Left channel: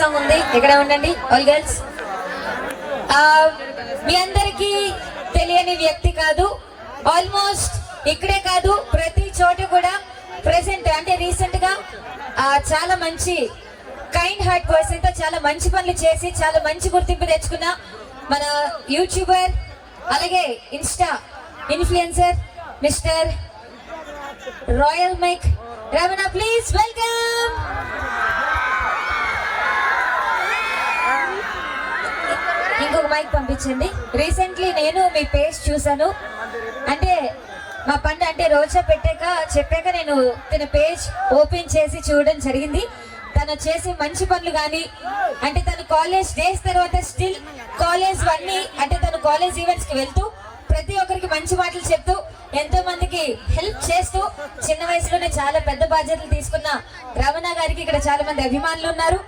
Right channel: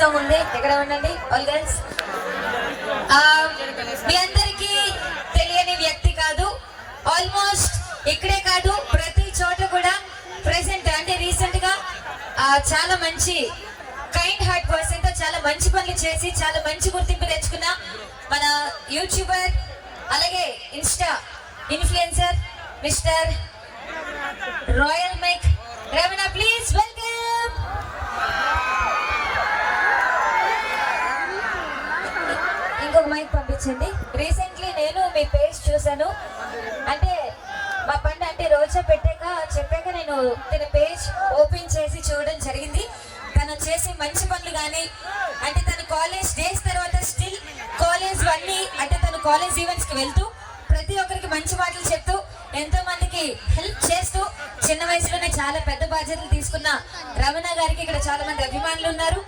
Song ఉంది. ఇక్కడ ఉండండి ఆల్ గర్ల్స్. మీ అందరికీ తెలియని వ్యక్తి కాదు, ఆల్మోస్ట్ ఇక్కడే కాదు ప్రతి చోట కూడా ప్రెసెంట్ అంటే రీసెంట్ గా చాలా మంచి కైండ్ హార్ట్ పర్సన్ తో చాలా మంచి పనులు చేసి చాలా మంచి గుర్తింపు తెచ్చుకున్న మన యూట్యూబర్ అలాగే insta influencer mister royal mike Ramana, please welcome. ఇంకొక మైక్ పంపించండి. రీసెంట్లీ నేను మీ పేజ్ చూసాను, అంటే మా పంట అంటే రోజా చెప్పాక నేను తన పేజ్ ఓపెన్ చేసి చూడడం జరిగింది. తను చేసి మంచి పనులు కానీ అంటే తను కాలేజ్ డేస్ తర్వాత స్టిల్ కాలేజ్ అన్ని అంటే తను కాలేజ్ ఈవెంట్స్ కి వెళ్తూ ప్రతి ఒక్కరికి మంచి మాటలు చెప్తూ ఎంతో మందికి హెల్ప్ చేస్తూ చిన్న వయసులోనే చాలా పెద్ద బాధ్యతలు తీసుకున్న రమణ గారికి ఇక్కడ చాలా మంది అభిమానులు ఉన్నారు.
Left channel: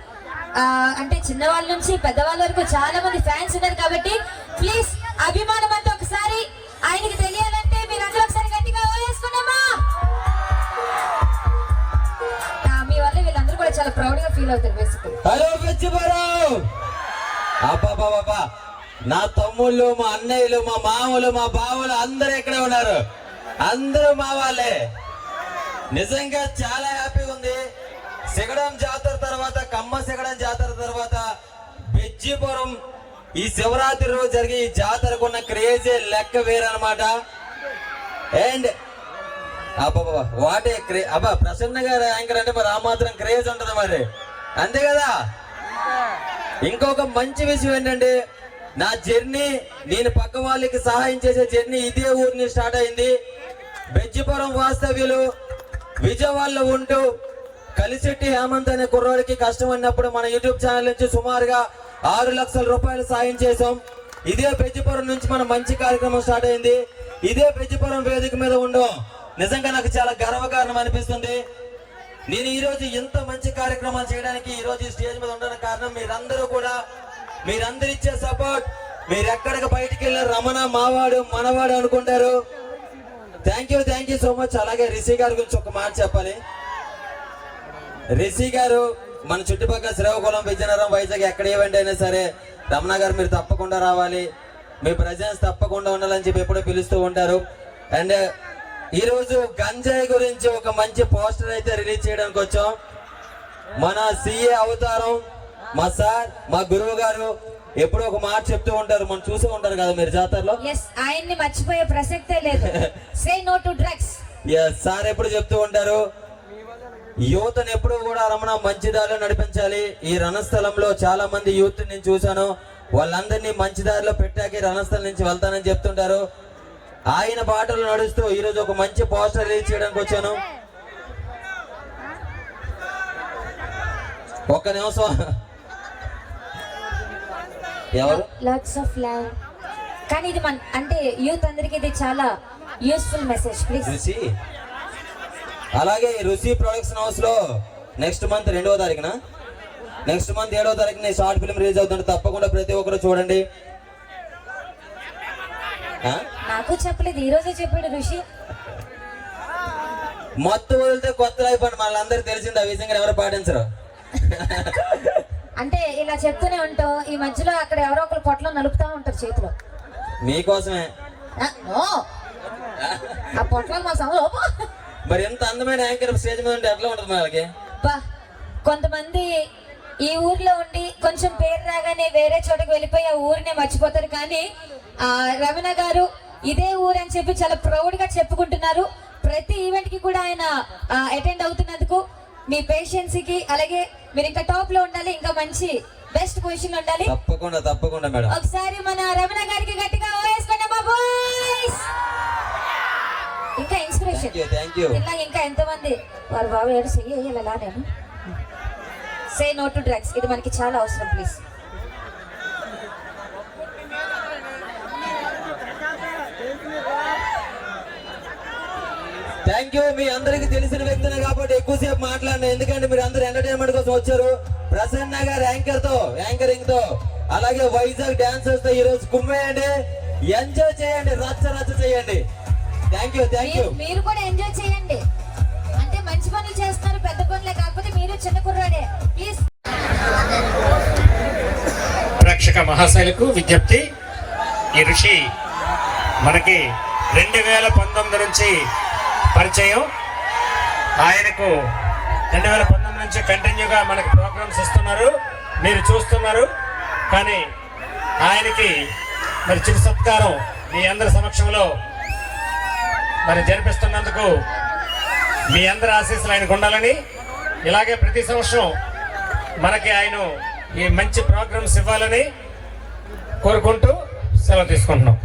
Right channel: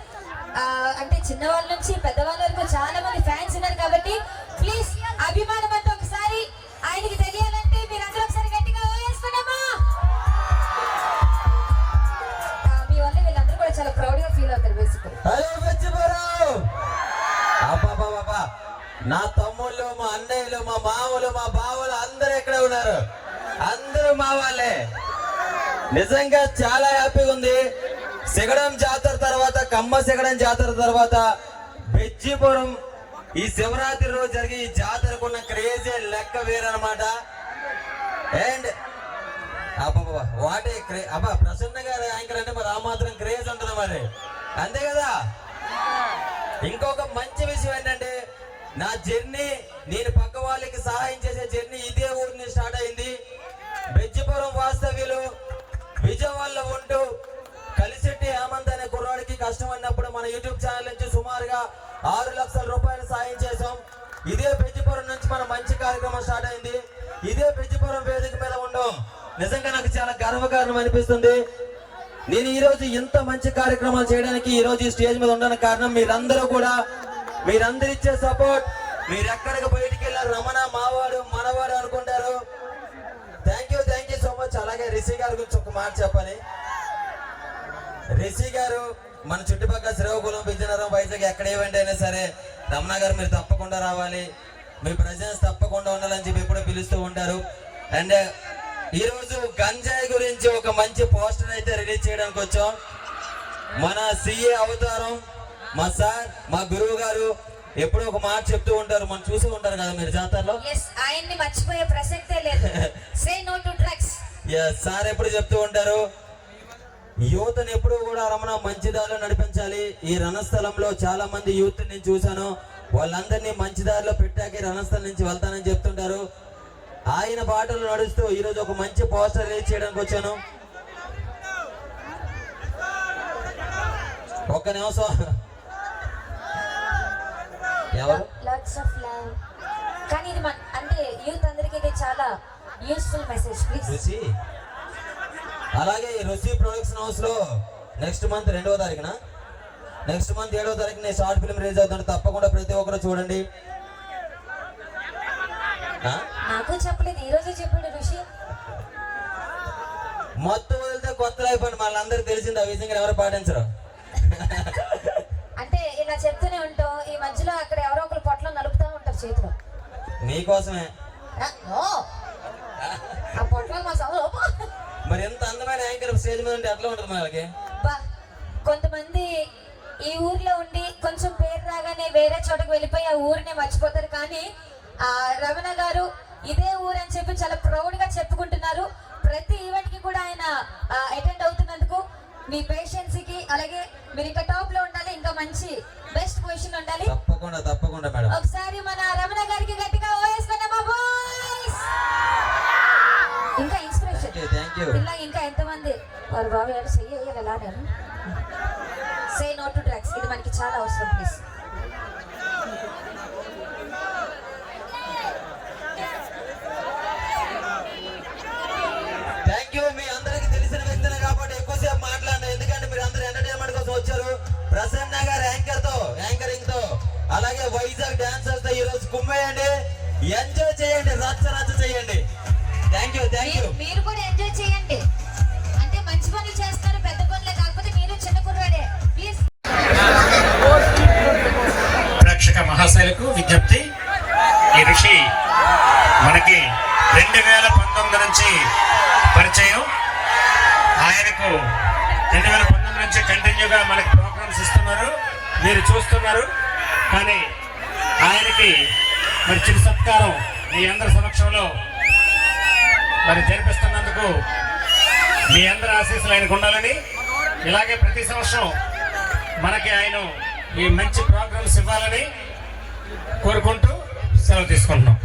అంటే చిన్నవాళ్ళ నుంచి పెద్దవాళ్ళ వరకు చాలా మంది ఫ్యాన్స్ ఉన్నారు. కాబట్టి ప్లీజ్ అభిమానం అంతా ఒకసారి ఆయనకి తెలియాలంటే మీరు అందరూ ఒకసారి గట్టిగా వేసుకున్నామా? మీ వల్ల వీళ్ళందరూ కూడా చాలా ప్రౌడ్ గా ఫీల్ అవుతారు. నా తమ్ముళ్ళు, మా అన్నయ్యలు, మా మామలు, మా బావలు అందరూ ఎక్కడ ఉన్నారు. అందరూ మా వాళ్ళే. నిజంగా చాలా హ్యాపీగా ఉంది. సిగడం జాతర తర్వాత, కమ్మ సిగడం జాతర తర్వాత బెజ్జిపురం ఈ శివరాత్రి రోజు జరిగి ఈ జాతరకు ఉన్న క్రేజీ లెక్క వేరనమాట. అండ్ వాటే ప్రసన్న గారు యాంకర్ అంటే మరి ఆ మాత్రం క్రేజ్ ఉంటది మరి, అంతే కదా. ఇంకొక మంచి విషయం ఏంటంటే నా జర్నీ, నేను పక్క వాళ్ళకి సహాయం చేసే జర్నీ ఇదే ఊరిని స్టార్ట్ అయింది. బెజ్జిపురం వాస్తవ్యులు విజయవాడలో ఉంటూ కలిసిట్టి హేమంత్ అనే కుర్రోడికి కష్టం అన్నప్పుడు మన యూట్యూబ్ ఛానల్ నుంచి సుమారుగా 6 లక్షల రూపాయలు సాయం చేసాం. ఇదే బెజ్జిపురం నుంచి మన మంచి కార్యక్రమం స్టార్ట్ అయింది. ఇదే బెజ్జిపురం వేదిక మీద ఉండడం నిజంగా నాకు చాలా గర్వకారణం అనిపిస్తుంది. నేను ఈ రోజు ఇంత మంచి కార్యక్రమాలు చేయడానికి ఈ రోజు ఈ స్టేజ్ మీద ఉండడానికి కారణం మీరందరూ కూడా, మీరందరూ ఇచ్చే సపోర్ట్. మీరు ఎక్కడికి బయటికి వెళ్ళారు రమణ మావాడు మనవాడు అనుకుంటారు. Thank you so much. అలాగే రిషి గారి గురించి ఒక మాట చెప్పాలి. రిషి గారు మన చుట్టుపక్కల శ్రీకాకుళం, విజయనగరం, వైజాగ్ ఎక్కడ ఈవెంట్ అయినా సరే రమణ గారు మీరు తప్పకుండా రావాలి, మీ ప్రజెన్స్ తప్పకుండా ఉండాలని చెప్పి ఎప్పుడో పిలుస్తూ ఉంటారు. అండ్ ఈ రోజు గంజాయి గురించి ఒక మంచి పోస్టర్ అయితే రిలీజ్ చేయడానికి వచ్చాం. మన సిఏ అవతారం మా సార్, మా గురువు గారు ఎప్పుడో ఒక మాట చెప్తూ ఉంటారు, మనం చూసే ఉంటారు కదా మీరు జాతరలో. ఆయన్ని మర్చిపోయే ప్రసక్తే లేదు. Say no to drugs. Sir ఎప్పుడు చెప్తూ ఉంటారు యువతను ఎప్పుడు కూడా రమణ మంచి దారిలో నడిపించాలి. ఈ రణస్థలంలో చాలా మంది యూత్ నేను చూశాను, వాళ్ళందరినీ మంచి దారిలో పెట్టాక రణస్థలం నుంచి వెళ్తానని చెప్తుంటారు. ఆయన బాటలు నడుస్తూ ఈ రోజు ఒక మంచి పోస్టర్ రిలీజ్ చేయడానికి వచ్చాను. ఒక్క నిమిషం. ఎవరు? Lots of love. కానీ ఇది మన అంటే యూత్ అందరికి ఇది చాలా యూస్ఫుల్ మెసేజ్. ప్లీజ్ రుచి. అలాగే రుచి ప్రొడక్షన్ హౌస్ లో నెక్స్ట్ మంత్ 2వ తారీఖున, నెక్స్ట్ మంత్ 7వ తారీఖున షార్ట్ ఫిల్మ్ రిలీజ్ అవుతుంది. తప్పకుండా ప్రతి ఒక్కరు చూడండి. నాకు చెప్పలేదు, ఈ రోజే చెప్పాడు ఋషి. మొత్తం వదిలితే కొత్త లైఫ్ అని మనందరికి తెలిసింది. ఆ విషయంగా ఎవరు పాటించరు. అంటే ఇలా చెప్తూనే ఉంటావు, ఈ మధ్యలో అక్కడ ఎవరో ఒకరు పొట్టలో నలుపుతా ఉంటారు చేతిలో. మీకోసమే ఆ పొట్టలో మరి ఎంత అందమైన యాంకర్ స్టేజ్ మీద ఉంటే ఎట్లా ఉంటుంది మనకి? కొంతమంది ఈ ఊర్లో ఉండి కొంచెం పేరు రాగానే వేరే చోటకి వెళ్ళిపోయి ఆ ఊరినే మర్చిపోతారు. కానీ ఆ రమణ గారు ఇదే ఊరు అని చెప్పి చాలా ప్రౌడ్ గా చెప్పుకుంటున్నారు. ప్రతి ఈవెంట్ కి కూడా ఆయన అటెండ్ అవుతున్నందుకు మీ పేషెన్స్ కి, అలాగే మీరు ఇంకా టాప్ లో ఉండాలి, ఇంకా మంచి బెస్ట్ పొజిషన్ ఉండాలి. తప్పకుండా మేడం. ఒకసారి మన రమణ గారికి గట్టిగా ఓయేసుకోండి మా బాయ్స్. ఇంకా ఇన్స్పిరేషన్ ఇలా ఇంకా ఎంతమంది వారు బాబు ఏడు చెయ్యాలా? నేను సే నో టు డ్రగ్స్, ఇది మనకి చాలా అవసరం. ప్లీజ్. Thank you. మీ అందరికి తెలిసిన వ్యక్తినే కాబట్టి ఎక్కువసేపు మాట్లాడినా, ఎందుకంటే మీరు అందరు ఎంటర్టైన్మెంట్ కోసం వచ్చారు. ప్రసన్న గారు యాంకరింగ్ తో అలాగే వైజాగ్ డాన్సర్స్ తో ఈ రోజు కుమ్మేయండి, ఎంజాయ్ చేయండి, రచ్చ చేయండి. Thank you. మీరు కూడా ఎంజాయ్ చేయండి. అంటే మంచి పనులు చేస్తారు, పెద్ద పనులే, కాకపోతే మీరు చిన్న కుర్రాడే. ప్లీజ్. మహాశైలకు విజ్ఞప్తి, ఈ ఋషి మనకి 2019 నుంచి పరిచయం. ఆయనకు 2019 నుంచి కంటిన్యూగా మనకి ప్రోగ్రామ్స్ ఇస్తున్నారు, మీరు చూస్తున్నారు. కానీ ఆయనకి మరి చిరు సత్కారం మీ అందరి సమక్షంలో మరి జరిపిస్తున్నందుకు మీ అందరి ఆశీస్సులు ఆయనకు ఉండాలని, ఇలాగే ప్రతి సంవత్సరం మనకి ఆయన ఈ మంచి ప్రోగ్రామ్స్ ఇవ్వాలని కోరుకుంటూ సెలవు తీసుకుంటున్నాం.